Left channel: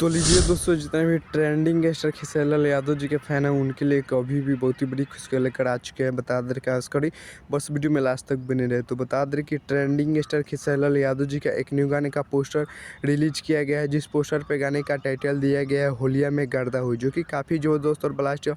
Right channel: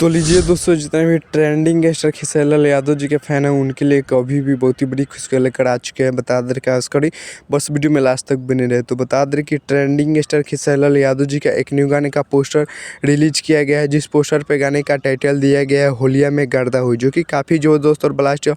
तो लीजिए दोस्तों, जितने भी ट्रेंडिंग स्टार खेसारी लाल यादव जी के फैन हैं उनके लिए एक अभी भी बहुत ही बड़ी खुशखबरी लेकर आ चुके हैं। बता दें क्या करी, बस वीडियो में लास्ट तक बने रहे। तो बता दें कि ट्रेंडिंग स्टार खेसारी लाल यादव जी का एक न्यू गाने का पोस्टर रिलीज किया गया है, जिस पोस्टर पे गाने का टाइटल दिया गया है होलिया में गर्दा हुई, जो कि काफ़ी ज़बरदस्त और blast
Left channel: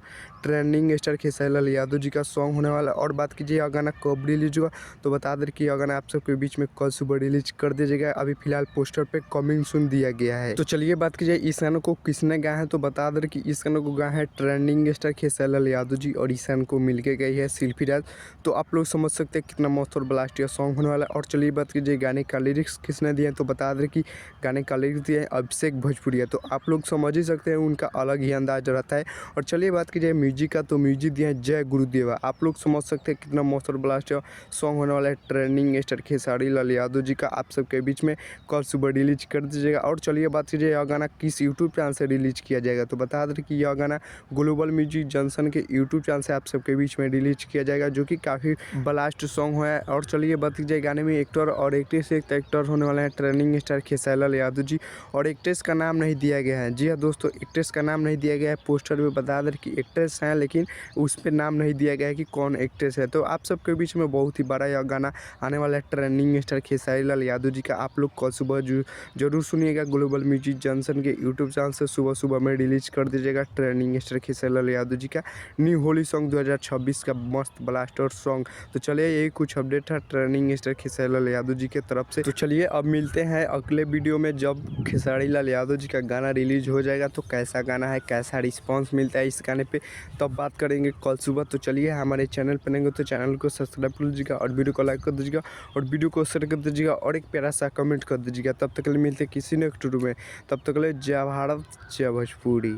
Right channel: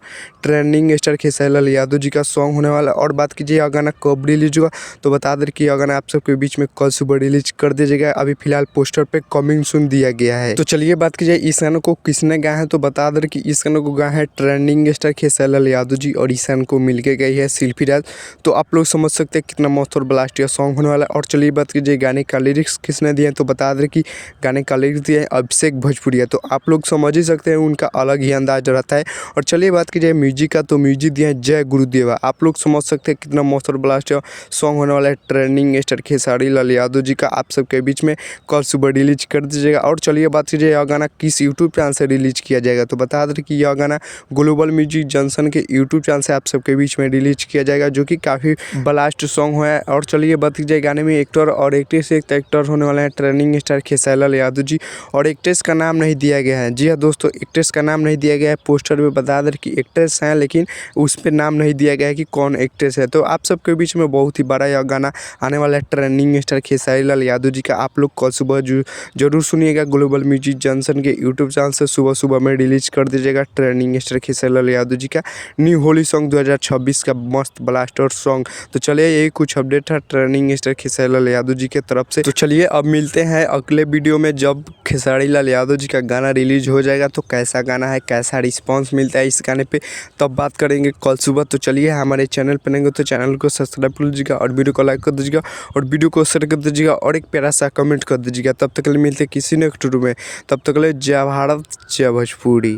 trending star Khesari Lal Yadav ji का सॉन्ग होने वाला। और बात कीजिए यह गाना कब रिलीज हुआ, तो बता दें कि यह गाना आप सबके बीच में कल सुबह रिलीज कर दिया जाएगा। अभी फिलहाल पोस्टर पे कमिंग सून दिया गया है। तो चलिए बात कीजिए इस गाने को किसने गाया है, तो बता दें कि इस गाने को गाया है ट्रेंडिंग स्टार खेसारी लाल यादव जी और इस गाने को मिलके गई है शिल्पी राज। तो आप लोग समझ सकते हैं कितना मस्त और ब्लास्ट सॉन्ग होने वाला है। और चलिए बात कीजिए गाने का लिरिक्स किसने दिए हैं, तो बता दें कि गाने का लिरिक्स दिए हैं अभिषेक भोजपुरिया। तो आप लोग समझ ही सकते हैं उनका अलग ही अंदाज रहता है। और चलिए बात कीजिए म्यूजिक का, तो म्यूजिक दिया है जय गुरुदेवा। आप लोग समझ सकते हैं कितना मस्त और ब्लास्ट सॉन्ग होने वाला है ट्रेंडिंग स्टार खेसारी लाल यादव जी का, आप सबके बीच में कल सुबह रिलीज कर दीजिएगा। और चलिए बात कीजिए यह गाना किस यूट्यूब चैनल से रिलीज किया जाएगा, तो बता दें कि यह गाना ग्लोबल म्यूजिक जंक्शन के यूट्यूब चैनल से आप सबके बीच में रिलीज किया जाएगा, जो कि काफ़ी ब्लास्ट सॉन्ग है। और चलिए बात कीजिए गाने में एक्टर और एक्ट्रेस, एक एक्टर होने वाले हैं ट्रेंडिंग स्टार खेसारी लाल यादव जी, और एक्ट्रेस का नाम नहीं दिया गया है। जी हाँ दोस्तों, एक्ट्रेस का नाम नहीं दिया गया है। पोस्टर में बता दें कि एक्ट्रेस हैं, लेकिन उस पर नाम नहीं दिया गया है कि कौन एक्ट्रेस है। तो आप सबके बीच में बहुत ही बड़ा यह गाना आने वाला है ट्रेंडिंग स्टार खेसारी लाल यादव जी का। आप लोग कल सुबह जरूर सुनिएगा, ग्लोबल म्यूजिक जंक्शन के यूट्यूब चैनल से सुबह सुबह में रिलीज कर दीजिएगा ट्रेंडिंग स्टार खेसारी लाल यादव जी का न्यू होली सॉन्ग 2026 का मस्त ब्लास्टर सॉन्ग। तो चलिए यही कुछ अपडेट है ट्रेंडिंग स्टार खेसारी लाल यादव जी के तरफ से। तो चलिए अब मिलते हैं अगले वीडियो में, जब खेसारी लाल यादव जी का गाना रिलीज हो जाएगा तो कैसा गाना है, कैसा रिस्पॉन्स मिलता है इस गाने पे, तब बात करेंगे कल सुबह। तो चलिए हमारे चैनल पर रहेंगे तो चैनल को सब्सक्राइब कर लीजिएगा और वीडियो को लाइक कर दीजिएगा और वीडियो को शेयर कर दीजिएगा और एक प्यारा सा कमेंट कर दीजिएगा। तब तक के लिए मिलते किसी नेक्स्ट वीडियो में, तब तक के लिए जय भारत जय भोजपुरी।